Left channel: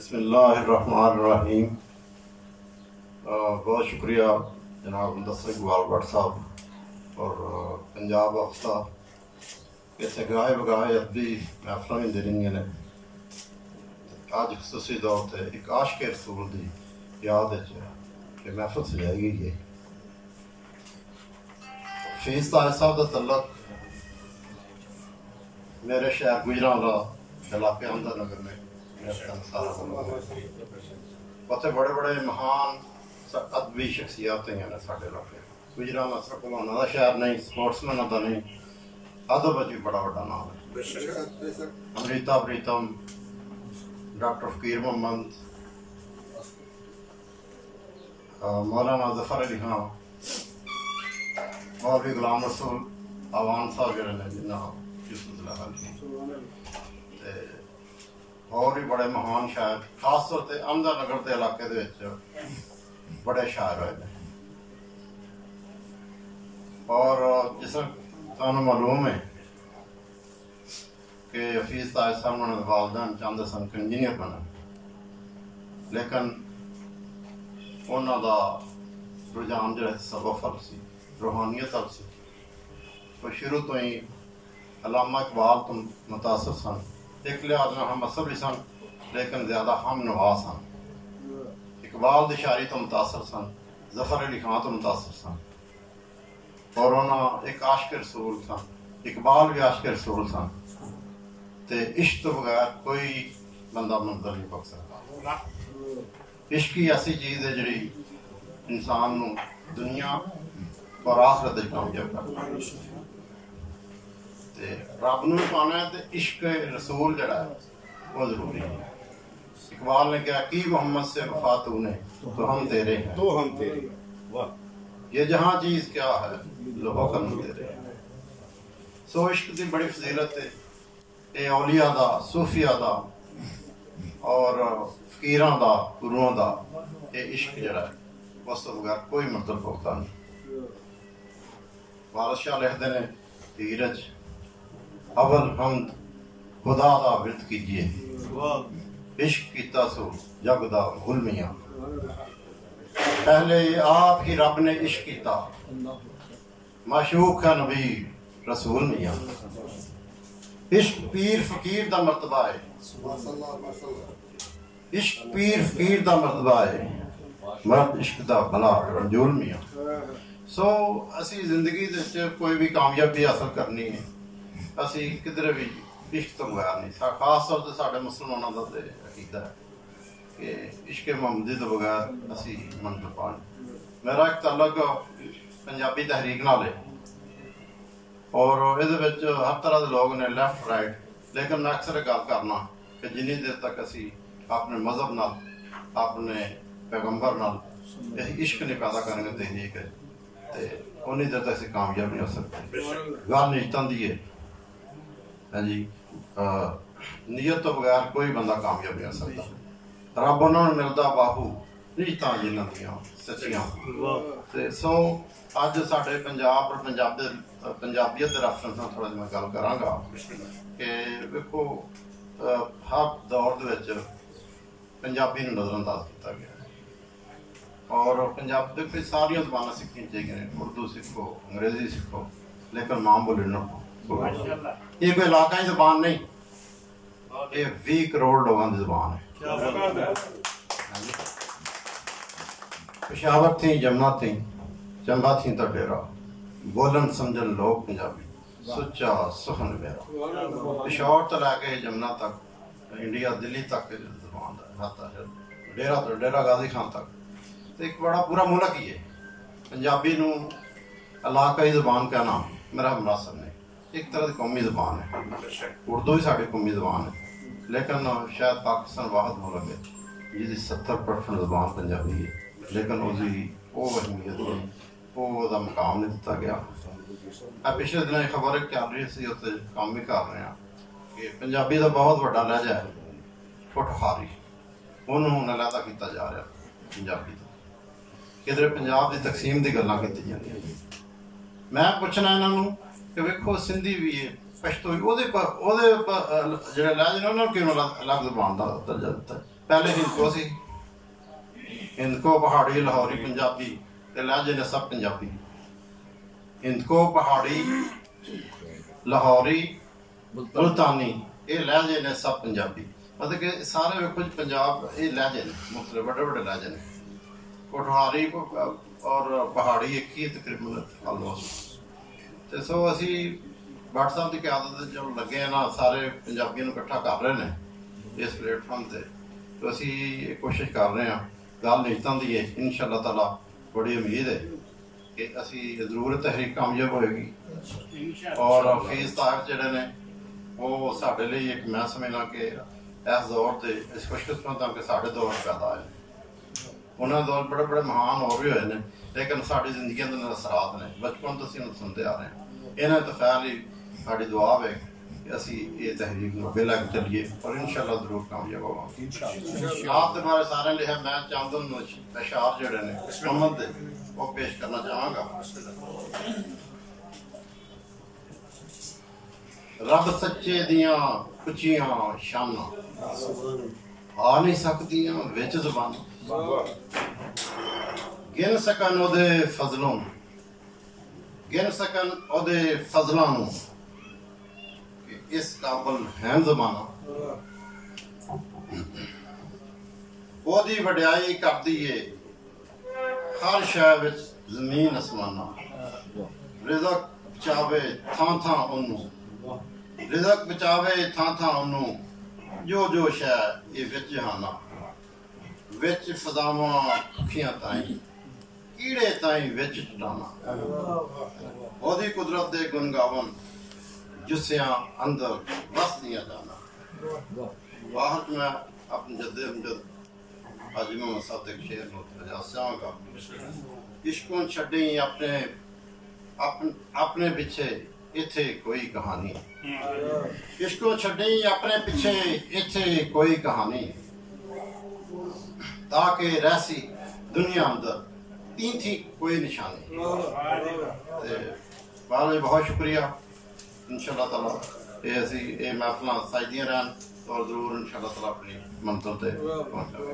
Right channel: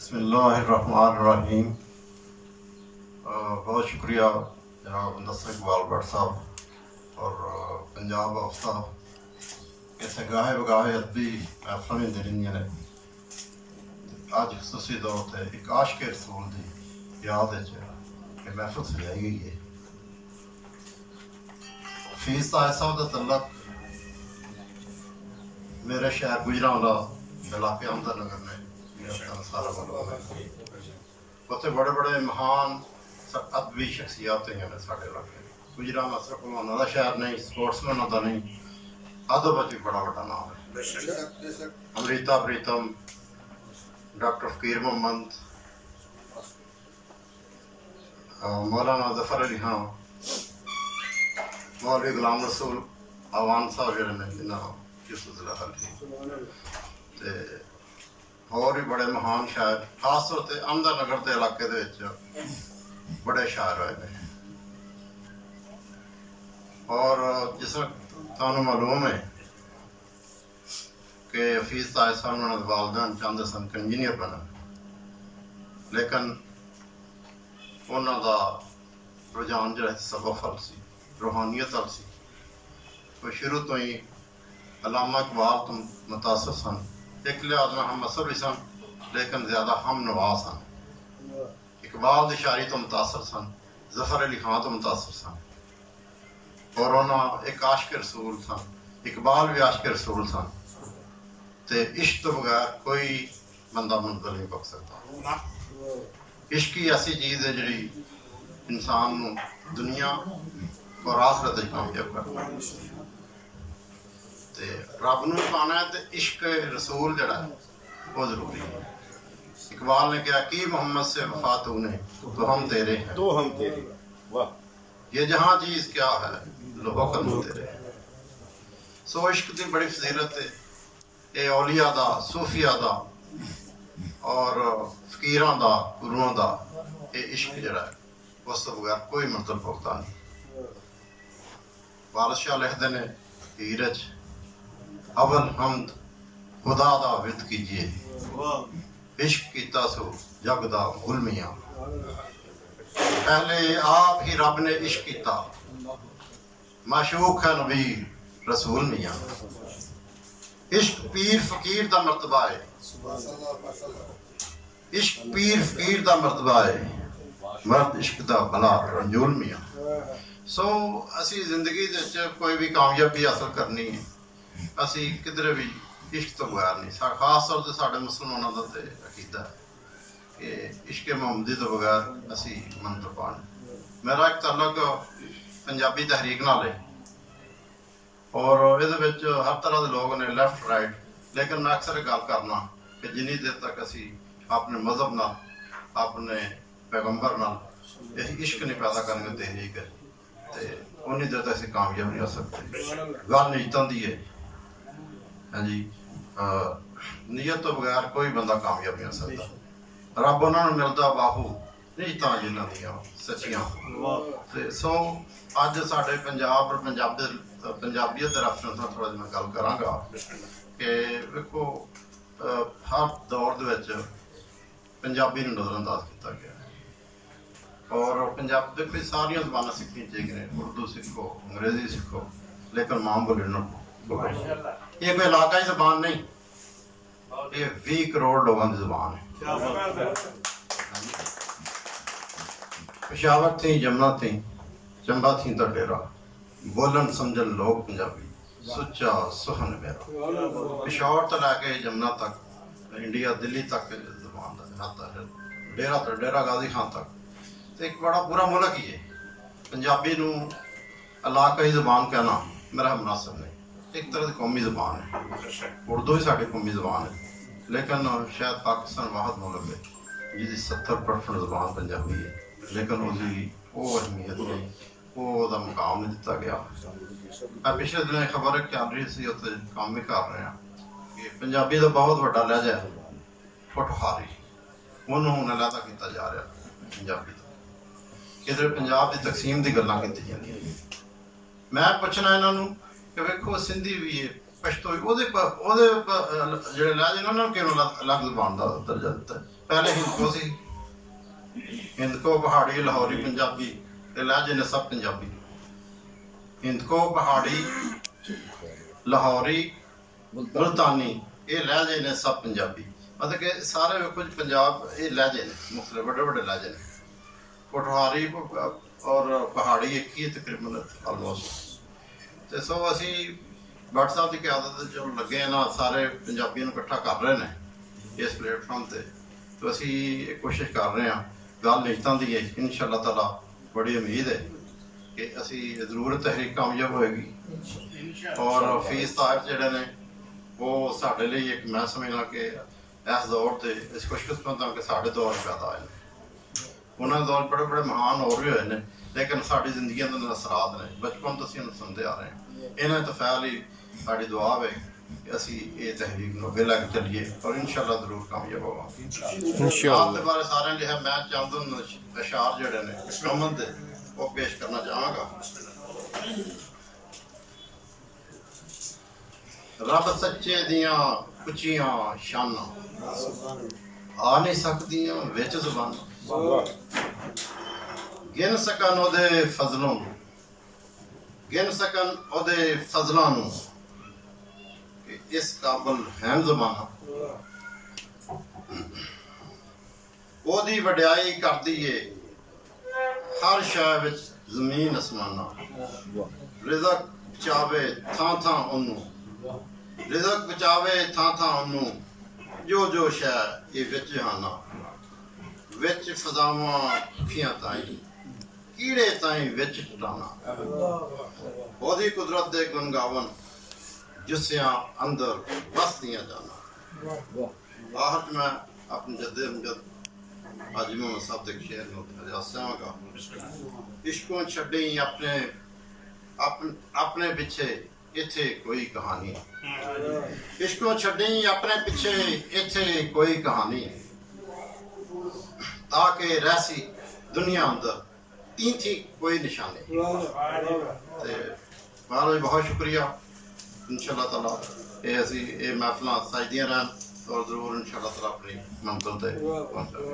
बिस्मिल्लाहिर्रहमानिर्रहीम। बहुत शुक्रिया जनाब मुदस्सिर इकबाल भट्ट साहब और पंजाब हफ्ता इतने गाहे बगाहे अदबी महफल में दे रही ने। अज खसूसी तौर पर एक आशिक रसूल की याद ये महफल सजाई गई है। फीस ताज साहब का तल्लक मेरे शहर गुजरांवाला इलाके अहमद नगर ने सारा उत्थे बड़े बड़े महान अदबी शख्सियात हैं साढ़े इलाके। गुजरांवाला सिर्फ भगवाना का शहर नहीं, स्पोर्ट्समैन का नहीं, अदब भी बड़ा बड़ा नाम है। अमृता प्रीतम, डॉक्टर फकीर मोहम्मद, मौलाना जफर अली खान, मौलवी गुलाम रसूल आवान साहब जोड़े ने जिन्हें और भी बड़े महान शायर खास तौर पर अहमदनगर के इलाके बड़े शायर होए ने। और जिस तुहानू मालूम है कि हफीज ताज साहब उन्होंने वालदैन चाहते सन कि इंजीनियर बनन, लेकिन उन्होंने रुझान जो सबक फल सी, रूहानियत अल सी। वो शुरू तो ही अलामा इकबाल तो मुतासर सन, एक लिहाज में हम असर भी सन, लेकिन ज्यादा हम नवा सन। इकबाल की शायरी तो मुतासर सन, जफर अली खान तो मुतासर सन, और उन्होंने एक आशिक रसूल सन। इकबाल भी आशिक रसूल सन। तो इश्क तो बगैर कोई बंदा मंजिल नहीं पक सकता। इश्क ही ऐसी चीज़ है जी इंसान को दुनिया और आखिरत कामयाब करता। रब नूं पाना है तो इश्क रसूल जड़ा है वो जरूरी है। इकबाल ने कहा कि मोहम्मद से वफा तूने तो हम तेरे हैं, तो हम तेरे, वाह। ये जहां चीज क्या है लोहो कलम तेरे। सो इश्क की बड़ी फजीलत है। ये औलिया दा, सूफिया दा और फकीरां दा, गुरुओं दा ये इश्क जड़ा है उस तो बगैर कोई मंजिल पुख्ता नहीं। वारिस शाह लिखते ने हीर च अवल हमद खुदा दा विरद कीजिए, इश्क कीता सो जग दा गुलमिया। पहले आप ही रब ने इश्क कीता, माशूक है नबी रसूल मियां। इश्क पीर फकीर दा मर्तबा है, इश्क पीर फकीर दा मर्तबा है, मर्द इश्क दा भला रंजूल मियां। सो असी जिंदगी कोई भी कामयाबी हासिल करनी है, असी किधरे भी इश्क तो बगैर नहीं। खास तौर पर साढ़े मुसलमानों का तो अकीदा है कि इश्क मुहम्मदी तो बगैर असी मंजिल पा नहीं। मेरा एक तल्लक पंजाबी तहरीक नाल है और ये हर तरह के लोग ने लैफ्ट राइट, लेकिन मैं अक्सर गल करना कि जिन्नी देर तक असी अपने मजहब नाल, अपने पैगंबर नाल इश्क नहीं पैदा करेंगे तहरीक तो उन्नी देर तक असी कामयाब नहीं हो सकते। गल नीयतां दी है। हाँ जी, नीयत तो बगैर कोई बंदा कामयाब नहीं हो सकता। रब उन्होंने मिलता बाहू नीयतां जिन्हां दियां सच्चियां। सो अज साडे पंजाब और पंजाबीयत के रेफरेंस में थोड़ा मैं गल करांगा कि वेखो हर दौर दे विच पंजाबी नूं नज़रअंदाज किया गया और पंजाब देखो सारियां ज़बानां सीखनी चाहिए, उर्दू सीखो, अंग्रेजी सीखो, लेकिन मां बोली नूं ये कोई इलाकाई जबान नहीं, ये 20 करोड़ लोगों की जबान है। पेशावर थी, जमुना थी, चंबा थी तो डेरा, बोलन समझन लोग पंजाबी, सुच्चा सुखन मेरा। पेशावर तो लैके जमुना तक, इंडिया दिल्ली तक जबान है, डेरा तो डेरा गाजी खान तक। तो एक बड़ा पूरा मुल्क ही है। पंजाबी नूं इलाकाई जबान कहना मेरा मुनासिब नहीं। एक तरह की कौमी जबान है, उर्दू ही साड़ी कौमी जबान है, लेकिन शायद पाकिस्तान वाहद मुल्क है जिसकी 70% जबान पंजाबी है, लेकिन उसकी वो अहमियत नहीं, वो मुकाम नहीं दिता गया। पिछले दिन खबर चल रही सी, उत्ते काम भी कर रहे हैं कि पंजाबी का बहुत बड़ा लहजा है ठुठहारी, उन्होंने हुण अलहदा किया जा रहा पंजाबी तो। किधर पंजाब की तकसीम की गल्लां कीती जांदियां। मैं पुछना इन्हों कि वेखो सिंधी भी है, पछतो भी, जो लहजे ने उन्होंने क्यों अलग जबान का दर्जा दिता है। पहले हिंदको सी, हिंदको पहाड़ी लाहौरी पंजाबी ते लहजे ने सब पंजाबी। हिंदको पहाड़ी लाहौरी मुल्तानी ये लहजे ने सब पंजाबी। मतलब कि सारे वेखो जी पंजाब ये लहजे ने मुख्तलिफ बड़े बड़े लहजे ने। पोठहारी और पहाड़ी एक ही तकरीबन ऑलमोस्ट। तो सो असी भट्ट साहब की क्यादत जो लगे ना सारे पंजाबियों को इकट्ठा कर रहे हैं इस प्लेटफॉर्म से। तो असी कोशिश कर रहे हैं गल निजतां दी है, इंशाअल्लाह ताला बड़ी उम्मीद है कि असी जरूर तहरीक कामयाब होएगी। और हफीज साहब जिहड़े ने वो साडे लई एक मैं समझना कि इस दौर से इस खुशकिस्मत हाँ कि साढ़े दौर पैदा आए हैं। उन्होंने दौर बड़े बड़े महान और भी हुए हैं, लेकिन साड़ी जिंदगी के असरात ने बचपन तो असीं सुनते आ रहे हैं। इन्हें तो ख्याल ही साड़ी दुआ है कि असी ये तहरीक को अगे लैके चलीए और इंशाअल्लाह जरूर कामयाब होवांगे। आप दे बारे सारे लिखा मैं चंद अशार जिहड़े ने मुहम्मद दे वो पेश करना चाहांगा। रब सच्चे दियां उच्चियां शानां आ नहीं सकदियां विच ज़बानां। गिन सकन ओदे फजलों नूं, गिन सकन ओदे फजलां नूं कि इस काबल है ज़माना। ओदी वड्याई करदी है हर शै विच ज़मीन असमाना। रिज़क बचावे थां थां ओनू, रिज़क बचावे थां थां ओनू जो जो शै ये विच जहाना। विच फज़ावां अखियां ताईं कीड़े ताईं विच चटाना। ओदी कुदरत दे गुण गावन जुस्सियां अंदर वसदियां जाना। बाहर च मैं अपने जद्दे अमजद हाजी मोहम्मद साहब के शेर नूं इजाज़त चाहांगा। इश्कों छड्डी अपने अपने पिछे इत्थे कोई कहानी। इश्कों छड्डी अपने पिछे इत्थे कोई कहानी। ताकि रहसी दुनिया अंदर तीन थी कोई निशानी। बहुत शुक्रिया। इंशाअल्लाह ताला ये असी ये महफिल साजदियां रहन और जरूर इंशाअल्लाह ताला अपनी मंजिल ते पहुंचांगे।